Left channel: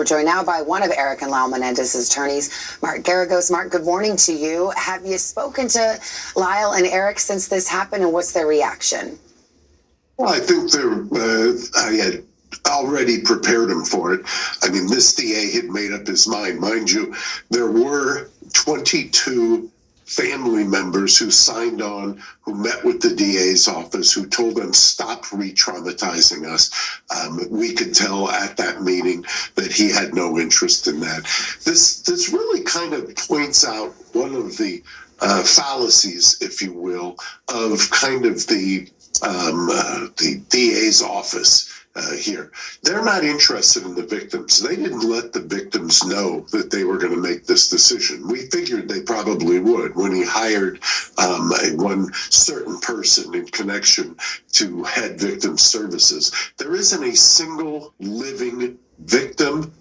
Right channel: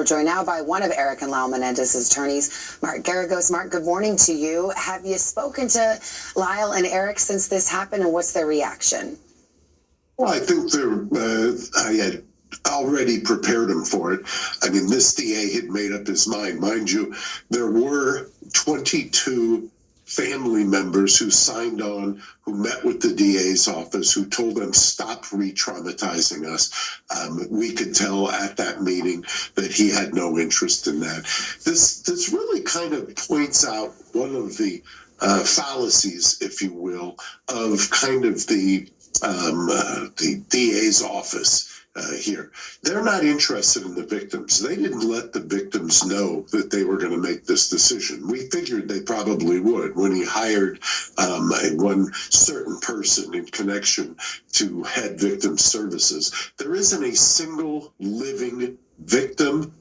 We're joined now by one of Eric and Lyle Menendez's attorneys, Mark Garagos. Mark, good morning to you. Have you spoken to Lyle and Eric since this happened, and what's their reaction? Well, I think I had already prepared him for it. I mean, this DA had made up his mind. Mind you, there were 22 family members who signed on, who met with the DA's office, who told them, stop re-traumatizing us. We could tell at that meeting that he had no interest in that. This really kind of points out one of the fallacies, if you will, of kind of the DA's office here. They're not interested in the victims. They didn't let the victims know that they were going to make this decision. We figured they probably would when he hired one certain person in connection to head victim services. There isn't a single living victim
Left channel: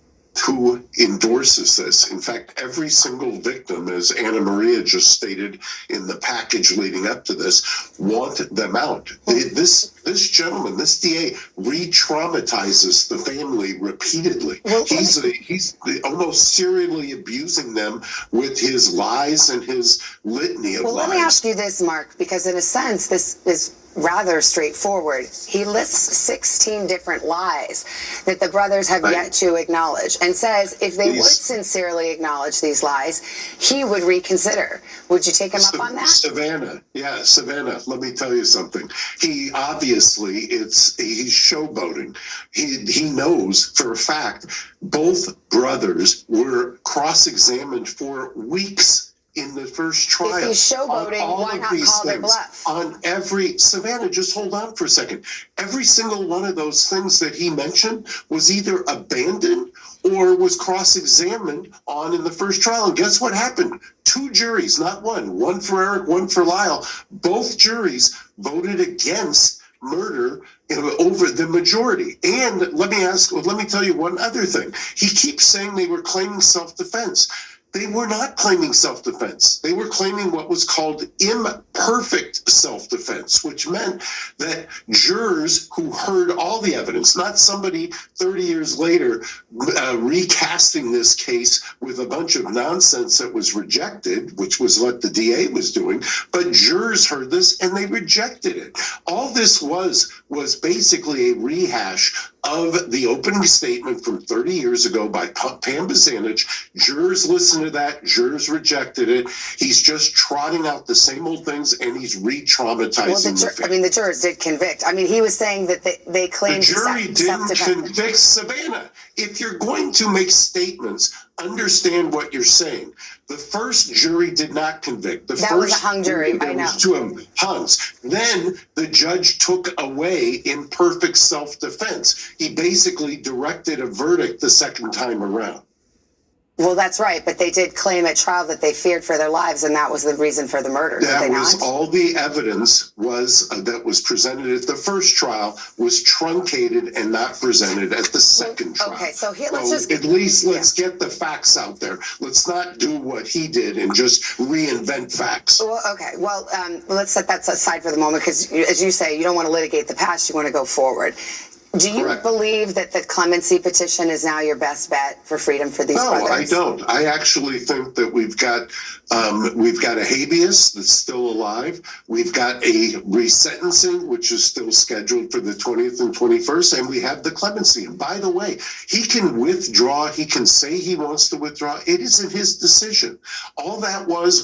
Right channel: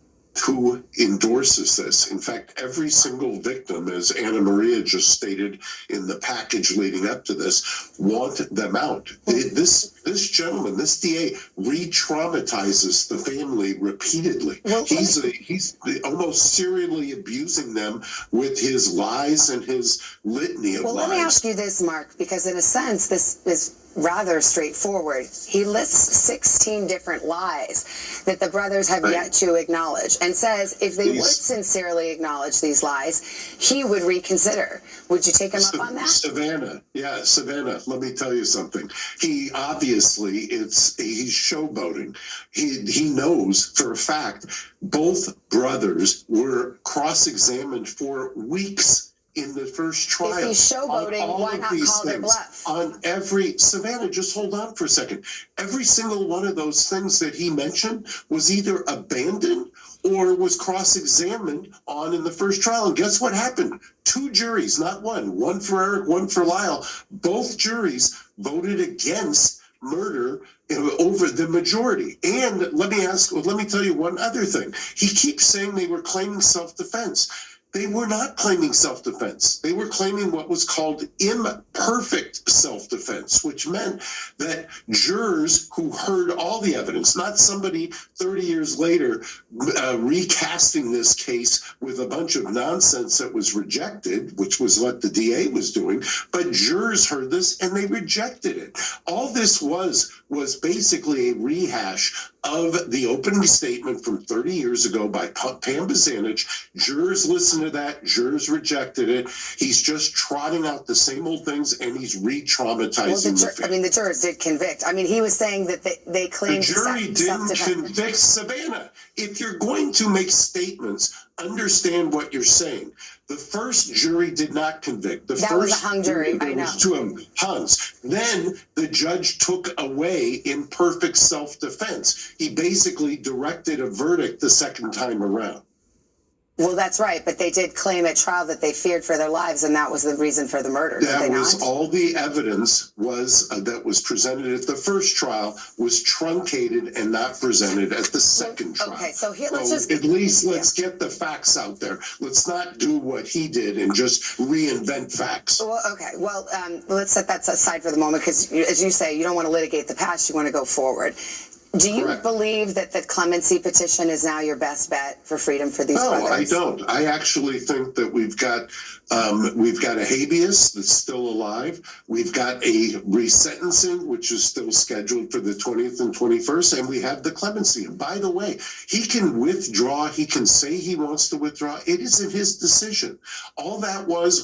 who endorses this. In fact, every single victim, as Anna Maria just stated in the package leading up to this, want them out. This gentleman, this DA, re-traumatizes the family repeatedly. Well, he's almost serially abusing them with his lies and his litany of lies. Well, let me ask you this, Mark, because in a sense, this is rather straightforward. He lists 16 different lies that the brothers have yet to acknowledge, and says if they would sincerely acknowledge these lies, he would reconsider. Would you take him up on that? Savannah, let me tell you something. He obviously, he's showboating. He knows for a fact both brothers were cross-examined for weeks in the first trial. If he's showboating, why not call their bluff? On every, Savannah, just hold on for a second. Every single one of those things that he mentioned was either abandoned or was cross-examined on in the first trial. And guess what happened? Two juries, not one for Eric, one for Lyle. Both juries voted against murder over the majority. And let me tell you one other thing. He keeps saying they were claiming self-defense. They were not claiming self-defense. They were claiming what was called imperfect self-defense, which meant that jurors who heard all the evidence, not somebody 30 years later recasting this case with a bunch of nonsense that was rejected, which was what the DA was doing, but jurors heard this and they rejected it. All this was basically a rehash of the opening statement from 30 years ago by Pam Bozanich. Jurors listened to that. Jurors rejected it. He's just trotting out the same old things, and he's re-traumatizing the family. the jurors did convict. I mean, he was saying that they claimed the jury didn't convict. Savannah, if you're going to make statements, understand what you're saying. The first jury did not convict. That was a hung jury, I know. Two of them, hungs. Then the judge took away imperfect self-defense. He basically directed a verdict the second time around. Well, that's right, but they did claim at trial that they feared for their lives, and that was the reason for the murder. That was all the evidence that was presented at the first trial was truncated and not presented at the second trial. Okay, so here let's get the facts out there. Let's not do what he did and just reinvent facts. Well, okay, well, let's set that aside for the moment, because as you say, you don't want to litigate the past, you want to go forward. Do you believe that the clemency petition is now your best bet for freedom for these brothers? No, I don't. I actually think that we've got a habeas that's still alive. We've got a resentencing, which is still scheduled for the 20th and 21st, and we have the clemency. And by the way, he can withdraw. He can say he wants to withdraw. It isn't his decision. All that was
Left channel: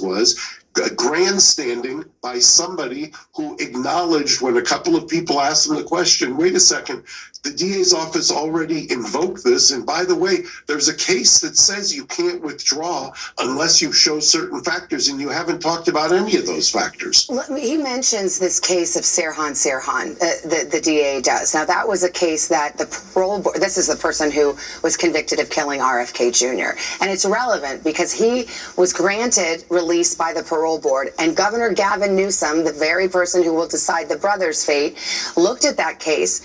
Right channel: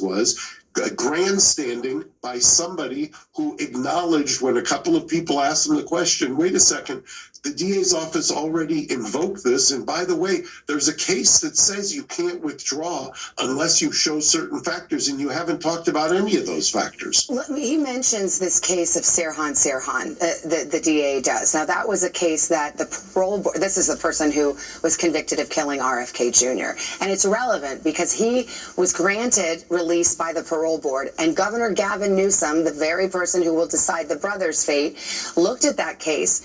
grandstanding by somebody who acknowledged when a couple of people asked him the question, wait a second, the DA's office already invoked this. And by the way, there's a case that says you can't withdraw unless you show certain factors, and you haven't talked about any of those factors. He mentions this case of Sirhan, the DA does. Now, that was a case that the parole board, this is the person who was convicted of killing RFK Jr. And it's relevant because he was granted release by the parole board, and Governor Gavin Newsom, the very person who will decide the brother's fate, looked at that case,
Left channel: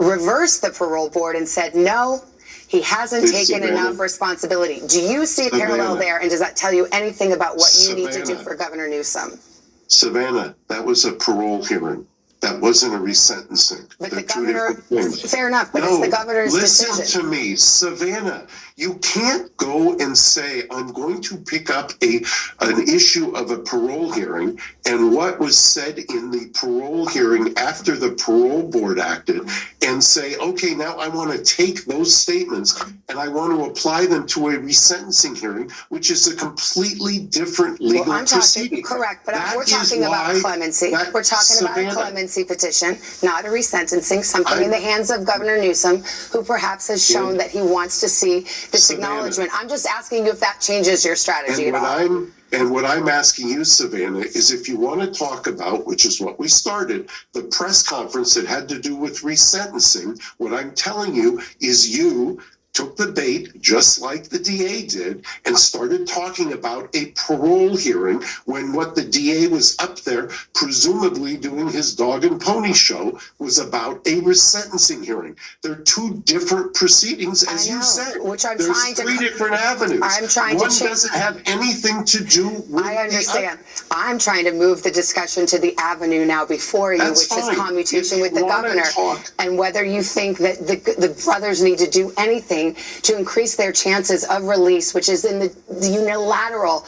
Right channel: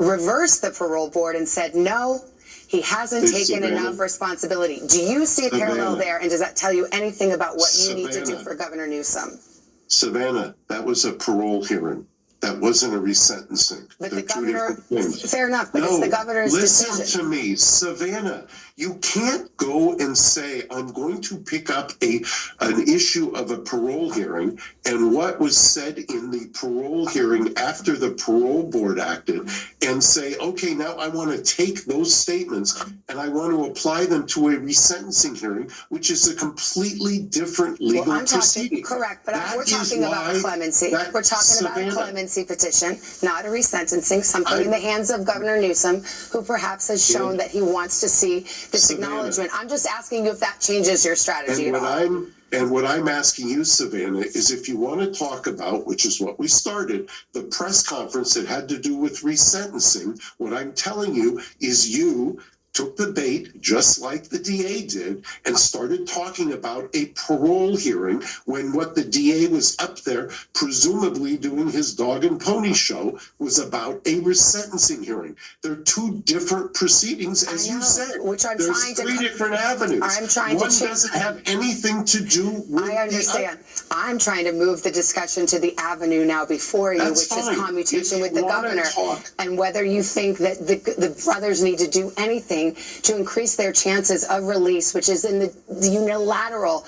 reversed the parole board and said, no, he hasn't taken enough responsibility. Do you see a parallel there? And does that tell you anything about what you need to do for Governor Newsom? Savannah, that was a parole hearing. That wasn't a resentencing. But They're the two governor, different things. fair enough, but No, it's the governor's listen decision. to me, Savannah. You can't go and say, I'm going to pick up an issue of a parole hearing and what was said in the parole hearing after the parole board acted and say, okay, now I want to take those statements and I want to apply them to a resentencing hearing, which is a completely different legal Well, I'm talking, proceeding. correct, but That we're is talking about why clemency. that- We're talking about a Savannah, clemency petition, not a resentencing, something in the hands of Governor Newsom, who perhaps has shown that he wants to see this Savannah. acknowledgement. I'm just asking you if that changes your strategy at all. And what I'm asking you, Savannah, is if you want to talk about, which is what we started, the press conference that had to do with resentencing, what I'm telling you is you took the bait, just like the DA did, and started talking about a parole hearing when what the DA was up there, presumably doing his dog and pony show, was about a resentencing hearing. They're two different proceedings, as you said. Which I'm There's trying to- three different avenues. I'm trying to One change- doesn't have anything to do with I understand. I'm trying to move the discussion to the avenue now before you, That's which fine. is commutation If with the you wanna governor, talk- and whether you think that the brothers need to do anything to increase their chances of release, which is in the unilateral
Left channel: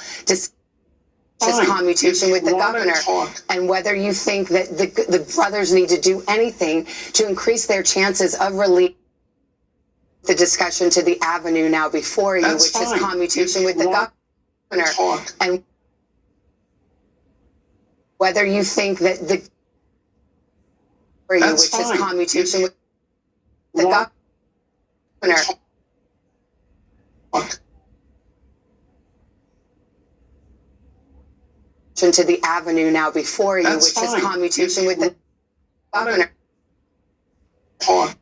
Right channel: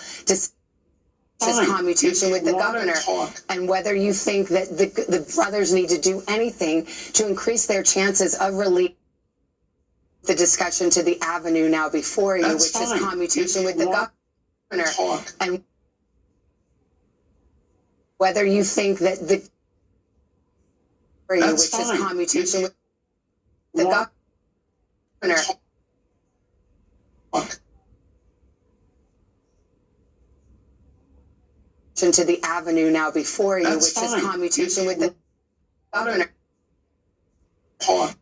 commutation with the governor, and whether you think that the brothers need to do anything to increase their chances of release. The discussion to the avenue now before you, That's which fine. is commutation If with you the want governor, talk- and whether you think that That's which fine. is commutation with you the want governor. talk- To the avenue now before you, That's which fine. is commutation If with the you governor. talk-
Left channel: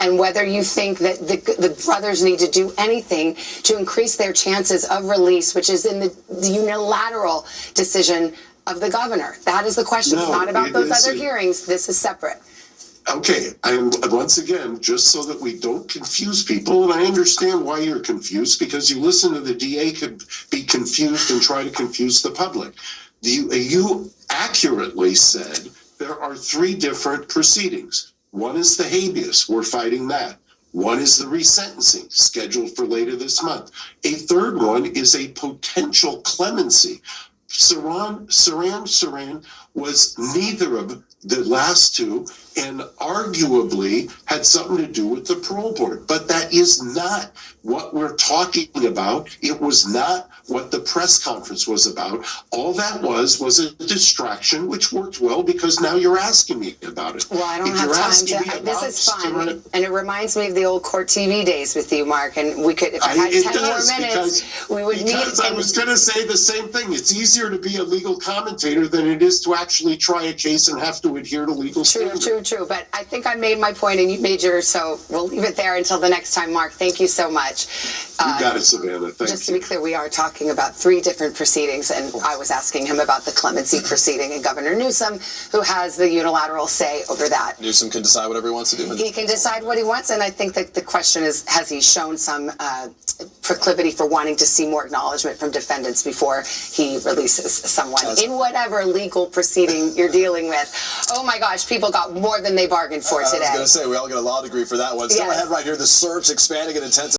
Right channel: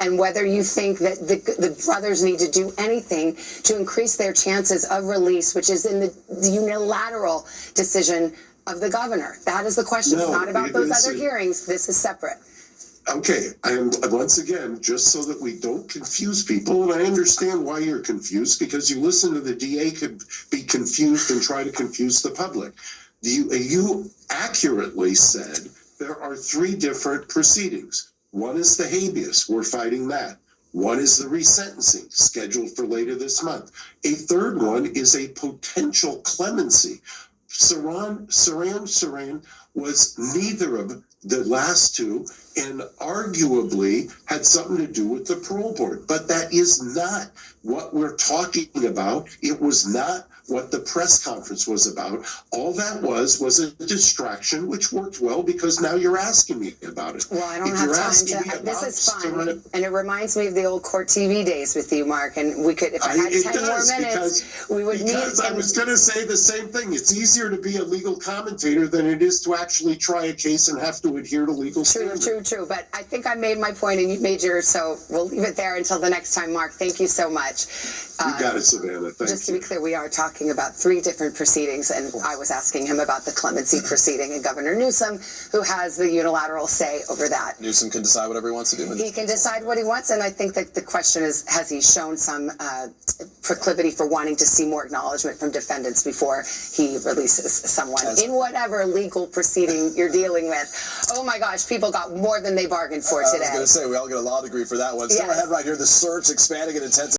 And whether you think that the brothers need to do anything to increase their chances of release, which is in the unilateral decision of the governor. That is the question. It's No, not about it those isn't. other hearings. This is separate. Okay, and once again, just so that we don't confuse people, and I understand why you're confused, because you listen to the DA could be confused and try to confuse the public. You accurately said there are three different proceedings. One is the habeas, we're fighting that. One is the resentencing, scheduled for later this month. A third one is a potential clemency. Saran was neither of the last two, and arguably had something to do with the parole board. But that is not what we're talking about. It was not what the press conference was about. All that was a distraction, which worked well because now you're asking me about it. Well, I don't If have you're time asking me to. This about is fun, Saran- and it reminds me of the old court TV days with you, Mark. And we could, if I had It 10 does, more minutes, we would meet. because I was going to say the same thing. It's easier to be a legal commentator than it is to actually try a case and have to adhere to legal standards. True. But I think I made my point and you made yours, so we'll leave it there until the next time, Mark. Thank you so much. You got it, Savannah. Thank Just to you. be clear, we are talking about three different proceedings, and I was asking him about the clemency proceeding and Governor Newsom, who has the unilateral say over that. Newsom can decide whatever he wants to do. He can decide what he wants, and I think that the question is, has he shown some proclivity for wanting to see more acknowledgement from defendants before he releases someone in whatever legal proceeding you're dealing with? Oh my gosh, people got more than they bargained for today. I was going to say, we all get a law degree for that one. Still Yes. ahead right here, the search expanding and intense.